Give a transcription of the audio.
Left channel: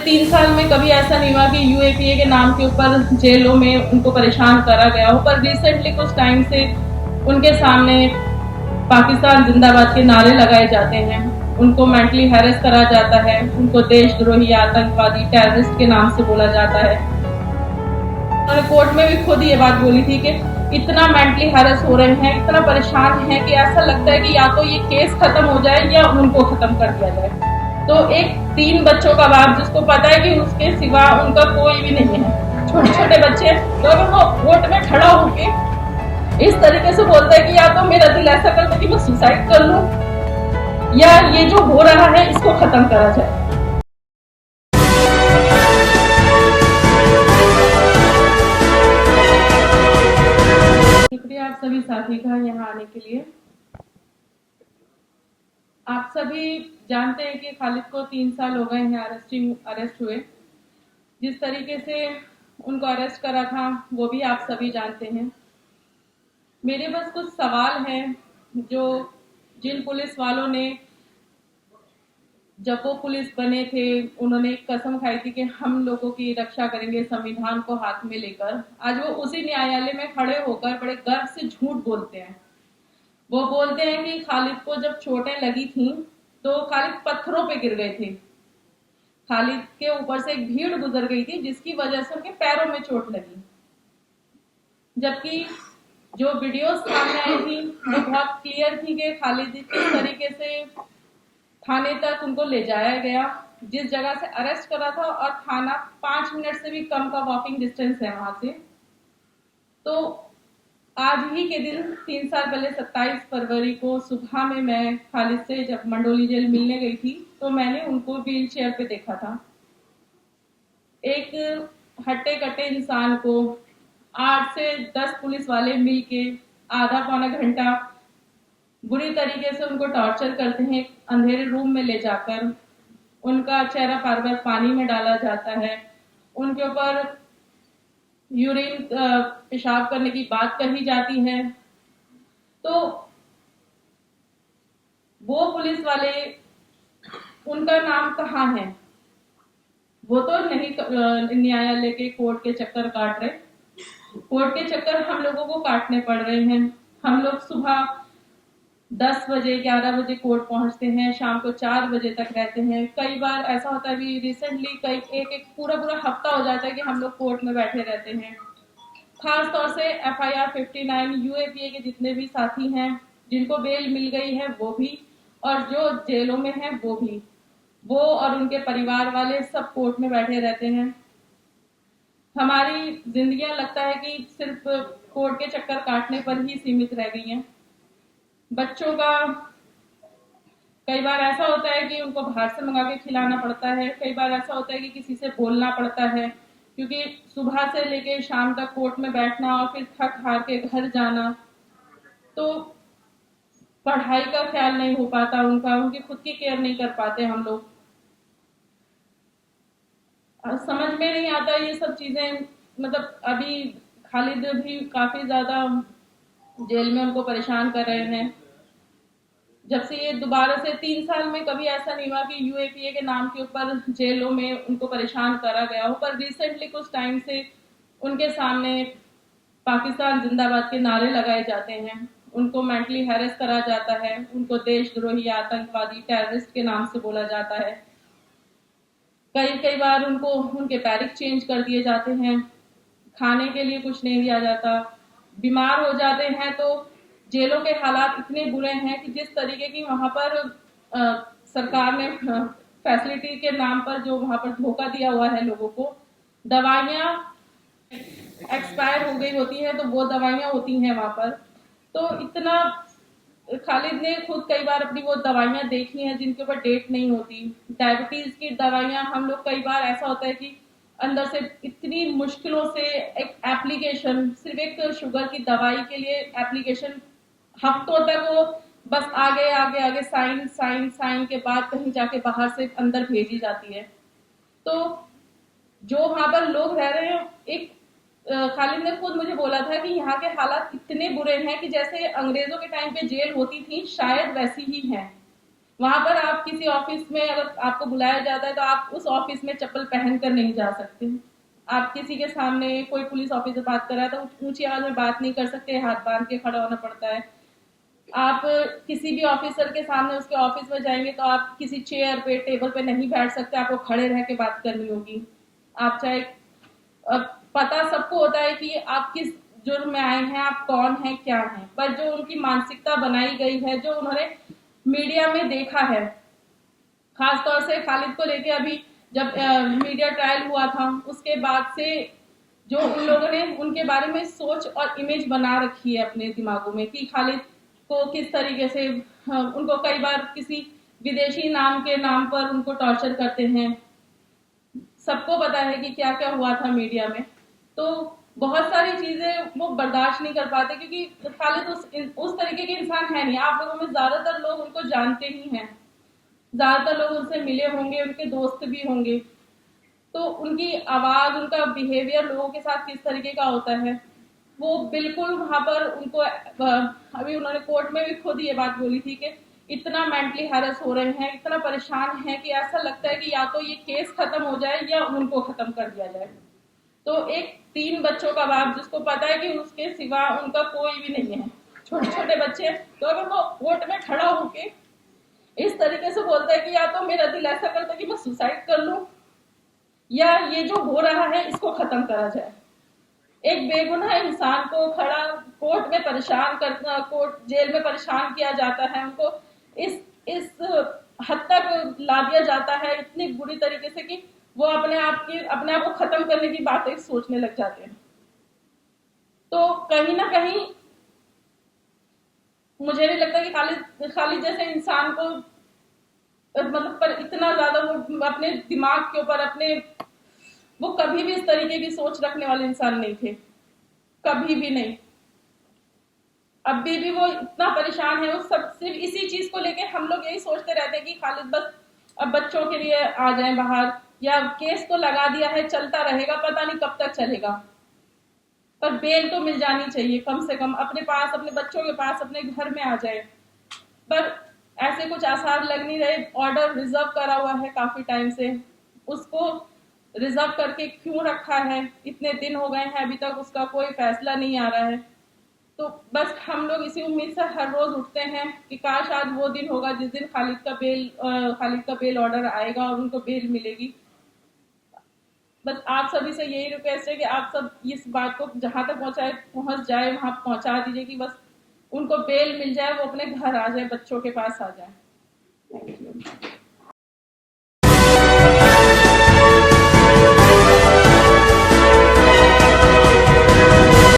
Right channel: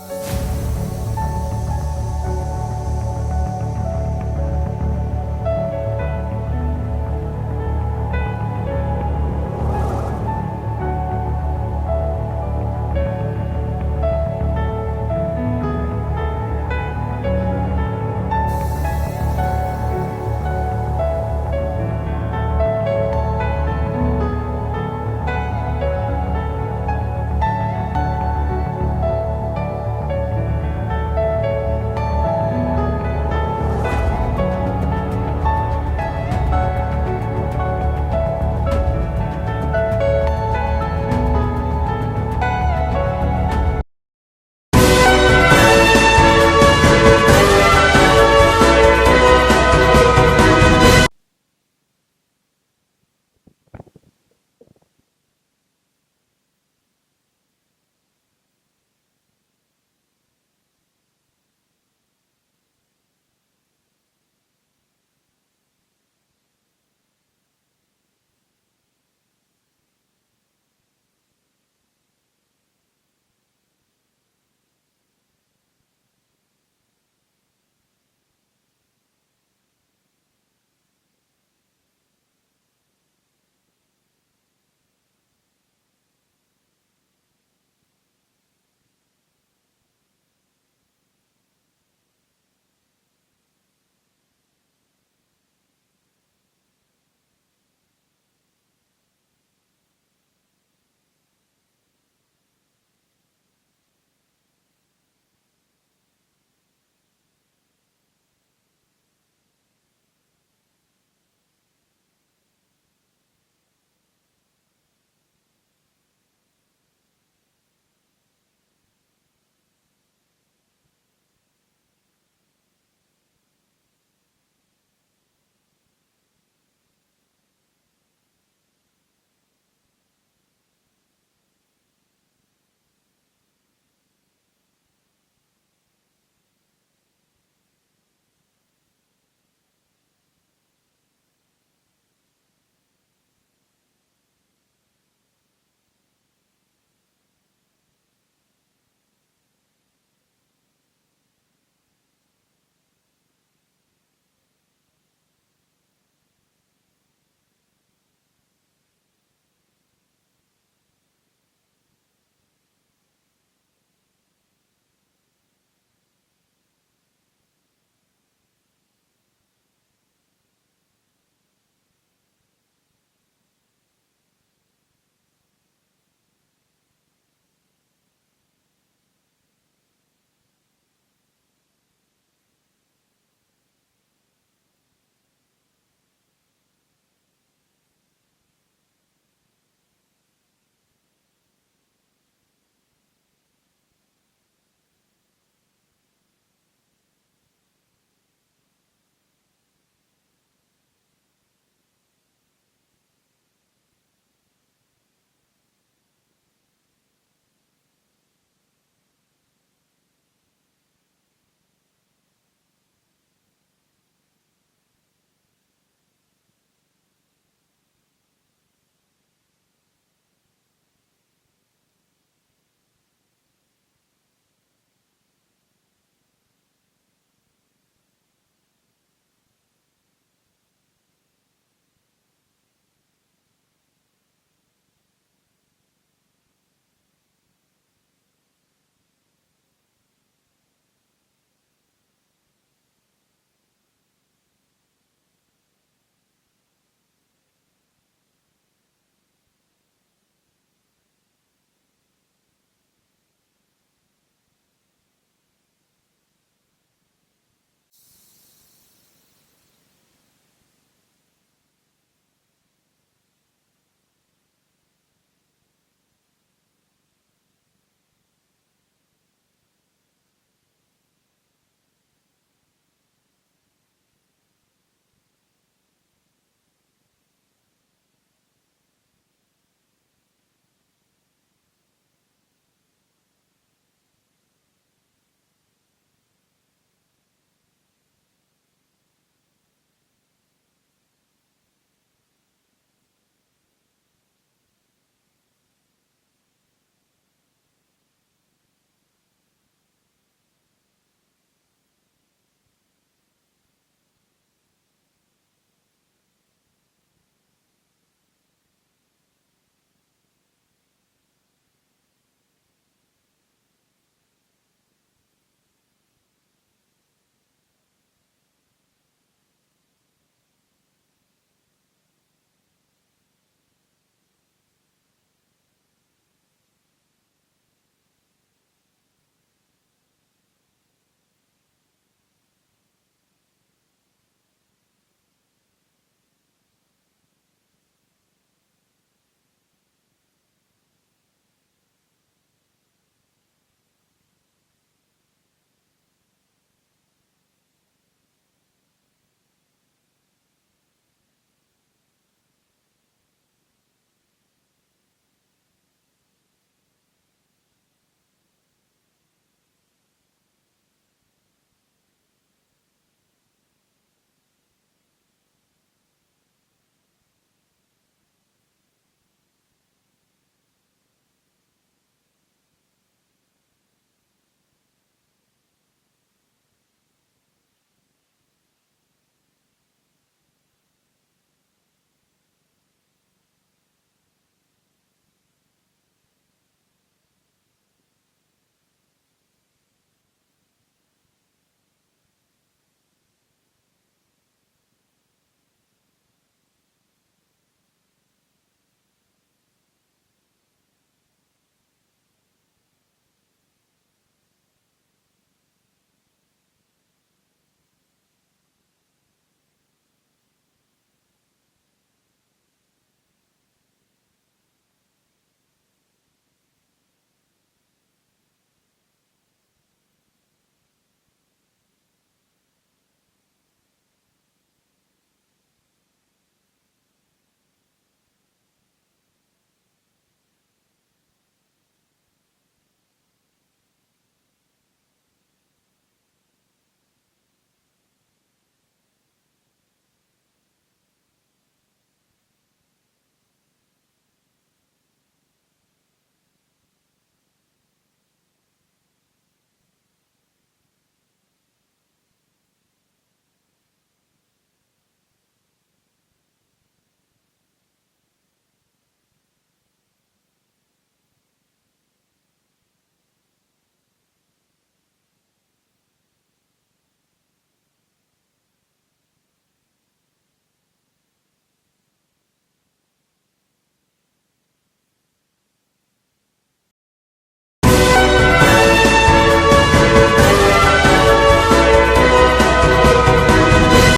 3 साल में कभी ऐसा नहीं हुआ कि यूएपीए के नाम के ऊपर जेलों में उनको परेशान करा गया हो, पर रिसेंटली कुछ टाइम से उनके सामने पाकिस्तान जिंदाबाद के नारे लगाए जाते हैं, उनको मेंटली हैरेस करा जाता है, उनको देशद्रोही, आतंकवादी, टेररिस्ट के नाम से बोला जाता है। उन्होंने कोर्ट में भी खुद ये बात बोली थी कि इतना मेंटली हैरेस हो रहे हैं, इतना परेशान हैं कि ऐसा लगता है कि या तो ये केस खत्म हो जाए या उनको खत्म कर दिया जाए। तो एक 3 बच्चों का बाप जिसको पता है कि उसके सिवा उनका कोई भी नहीं है, छोटे छोटे बच्चे, तो अगर वो कोर्ट में खड़ा होके इस तरीके से बोलता है कि या तो मेरा दिल ऐसा करता है कि मैं सुसाइड कर लूं या ये जो हो रहा है इसको खत्म करा जाए। शुक्रिया आप सभी साथी का यहाँ आने के लिए। आप सभी जानते हैं कि खालिद को 3 साल हो गए हैं अरेस्ट हुए। जिस तरीके से उनको अरेस्ट करा था वो भी आप सभी जानते हैं। मेरे पास कुछ सवाल हैं जो जिन पुलिस वालों ने जब वो पुलिस बने थे उन्होंने एक कसम खाई थी कि हम लोगों की रक्षा करेंगे संविधान को हाथ में लेकर, आज वो उसी न्यायालय में खड़े होकर बड़े गर्व से झूठ बोलते हैं। वो बोलते हैं कि खालिद को जब चोटें लगी थी तो खालिद पत्थरों पे गिर गए थे, खालिद के ऊपर से एक भीड़ गुजर गई थी जिसकी वजह से उनके पैरों में चोट लगी। जबकि जो वीडियोस सामने आई थी वो बहुत क्लियर थी कि खालिद किस तरीके से थाने तक उनको ले जाया गया, जिस जगह से अरेस्ट करा था, और थाना 5 मिनट से भी कम का वॉकिंग डिस्टेंस है वहां से। तो आज ही के दिन 3 साल पहले 27 फरवरी को सुबह में मैं खालिद से जब मंडोली जेल मिलने गई थी तो मैंने उनको व्हील चेयर पे देखा था। एक हट्टे कट्टे इंसान को 8 से 10 पुलिस वाले मिलके आधा पौना घंटा बुरी तरीके से उनको टॉर्चर करते हैं, अंधेरे रूम में ले जाकर उनका चेहरा बार बार पानी में डाला जाता है, उनके ऊपर यूरिन पेशाब करने की बात कही जाती है। तो वो पुलिस वाले, उनका नाम कहाँ है? वो तो नहीं न्यायालय के कोर्ट के चक्कर काट रहे, कोर्ट के चक्कर हम लोगों को काटने पड़ रहे हैं। हम लोग सुबह 10 बजे 11 बजे कोर्ट पहुंचते हैं, शाम को 4 बजे तक रहते हैं। कई बार ऐसा होता है, भी रिसेंटली कई एक पूरा हफ्ता हो जाता है कि हम लोग कोर्ट में बैठे रहते हैं। खास तौर से FIR 59 यूएपीए के जितने भी साथी हैं जिनको बेल मिल गई है वो भी, और जो जेलों में हैं वो भी, वो और उनके परिवार वाले सब कोर्ट में बैठे रहते हैं। हमारी जिंदगियां लगता है कि सिर्फ कोर्ट के चक्कर काटने पर ही सीमित रह गई हैं। बच्चों का कई बार ऐसा होता है कि उनको बाहर से मंगा के खिलाना पड़ता है, कई बार ऐसा होता है कि किसी से बोलना पड़ता है, क्योंकि सुबह से लेके शाम तक कोर्ट में बैठना और फिर थक हार के घर जाना, तो पढ़ाई का ख्याल नहीं हो पाता उनका, उनकी खुद की केयर नहीं कर पाते हम लोग। समझ में नहीं आता ये सब चीजें। मतलब अभी खालिद भी काफी ज्यादा जेल में उनको परेशान कर रहे हैं। जब से ये दोबारा से 3 साल में कभी ऐसा नहीं हुआ कि यूएपीए के नाम के ऊपर जेलों में उनको परेशान करा गया हो, पर रिसेंटली कुछ टाइम से उनके सामने पाकिस्तान जिंदाबाद के नारे लगाए जाते हैं, उनको मेंटली हैरेस करा जाता है, उनको देशद्रोही, आतंकवादी, टेररिस्ट के नाम से बोला जाता है। कई बार उनको उनके बैरिक चेंज कर दिए जाते हैं, खाने के लिए कुछ नहीं दिया जाता, बीमार हो जाते हैं तो जेलों के हालात इतने बुरे हैं कि जिस तरीके की वहां पर सरकार ने फैसिलिटी के नाम पर जो वहां पर धोखा दिया हुआ है लोगों को, दवाइयां एक्सपायर हो गई होती है तो वो दवाइयां होती हैं वहां पर। तो इतना खालिद ने खुद कई बार अपनी वो दवाइयां देखी हैं जिनके ऊपर डेट नहीं होती। डायबिटीज की दवाइयां हम लोग, कई बार ऐसा होता है कि अंदर से इतनी मुश्किलों से एक एप्लीकेशन, सिर्फ एक शुगर की दवाई के लिए एप्लीकेशन, हफ्तों तक वो बस आगे आगे आगे साइन साइन साइन के बाद कहीं जाके बाहर से अंदर भेजी जाती है। तो जो वहां पर लोग रह रहे हैं, एक खालिद ने खुद मुझे बोला था कि यहाँ के हालात इतने बुरे हैं कि जैसे अंग्रेजों के टाइम पे जेल होती थी शायद वैसी ही है। वहां पर आप किसी ऑफिस में अगर आपको बुलाया जाता है तो आप उस ऑफिस में चप्पल पहन कर नहीं जा सकते। आप किसी के सामने कोई पुलिस ऑफिसर बात कर रहा है तो ऊंची आवाज में बात नहीं कर सकते, हाथ बांध के खड़ा होना पड़ता है। आप किसी भी ऑफिसर के सामने उसके ऑफिस में जाएंगे तो आप किसी चेयर पे टेबल पे नहीं बैठ सकते, आपको खड़े रह के बात करनी होगी। आप चाहे पता सबको होता है कि आप किस जुर्म में आए हैं, आप कौन हैं क्या हैं, पर जो उनकी मानसिकता बनाई गई है, जो उन्होंने मीडिया में देखा है, खास तौर से खालिद को लेके अभी जब मीडिया ट्रायल हुआ था उसके बाद से जो उन लोगों ने उनके बारे में सोच और इमेज बना रखी है अपने दिमागों में कि खालिद को किस तरीके से उनको कई बार किसी विदेशी नाम के नाम पर उनको टॉर्चर करते हैं। सबको पता है कि क्या क्या हुआ था मीडिया में। तो बहुत सारी चीजें वो बर्दाश्त नहीं कर पाते क्योंकि खालिद उस तरीके के इंसान है नहीं। आप लोगों में ज्यादातर लोग उनको जानते ही हैं, ज्यादातर लोग उनसे मिले होंगे, उनके दोस्त भी होंगे। तो उनकी आवाज, उनका बिहेवियर लोगों के साथ किस तरीके का होता है वो बिल्कुल वहां पर उनको अभी उन्होंने कोर्ट में भी खुद ये बात बोली थी कि इतना मेंटली हैरेस हो रहे हैं, इतना परेशान है कि ऐसा लगता है कि या तो ये केस खत्म हो जाए या उनको खत्म कर दिया जाए। तो एक 3 बच्चों का बाप जिसको पता है कि उसके सिवा उनका कोई भी नहीं है, छोटे छोटे बच्चे, तो अगर वो कोर्ट में खड़ा होके इस तरीके से बोलता है कि या तो मेरा दिल ऐसा करता है कि मैं सुसाइड कर लूं या ये जो हो रहा है इसको खत्म करा जाए। एक बेगुनाह इंसान को खड़ा कोर्ट में परेशान करना, कोर्ट जेल में परेशान किया जाता है, उनको इस हद तक ला दिया जाता है इतनी बुरी तरीके से कि वो अपने आप को खत्म करने की बातें सोचने लग जाते हैं। तो कहीं ना कहीं मुझे नहीं लगता कि खालिद जैसे इंसान को मतलब पर इतना ज्यादा वो अपने दिमाग के ऊपर अपने वो कभी भी इस तरीके की सोच रखने वाले इंसान नहीं थे, कभी भी नहीं। अभी भी वो इतना परेशान है, वो सब सिर्फ इसी चीज को लेके हम लोग यही सोचते रहते हैं कि खालिद बस अब बच्चों के लिए आ जाए बाहर, या केस तो लगा दिया है चलता रहेगा, पता नहीं कब तक चलेगा, पर बेल तो मिल जानी चाहिए कम से कम, अपने पास अपने बच्चों के पास अपने घर में आ जाए। पर ऐसे कुछ आसार लग नहीं रहे। ऑर्डर रिजर्व करा हुआ है काफी टाइम से, उसको रिजर्व करके क्यों रखा है, इतने दिन हो गए हैं अभी तक उसका कोई फैसला नहीं आ रहा है। तो बस हम लोग इसी उम्मीद से हर रोज उठते हैं कि काश आज वो दिन होगा जिस दिन खालिद का बेल ऑर्डर आएगा और उनको बेल मिलेगी। बस आप सभी से यही रिक्वेस्ट है कि आप सब इस बात को जहां तक पहुंच जाए वहां पहुंचा दीजिए कि बस उनको बेल मिल जाए, वो अपने घर आ जाए, बच्चों के पास आ जाए। Thank you.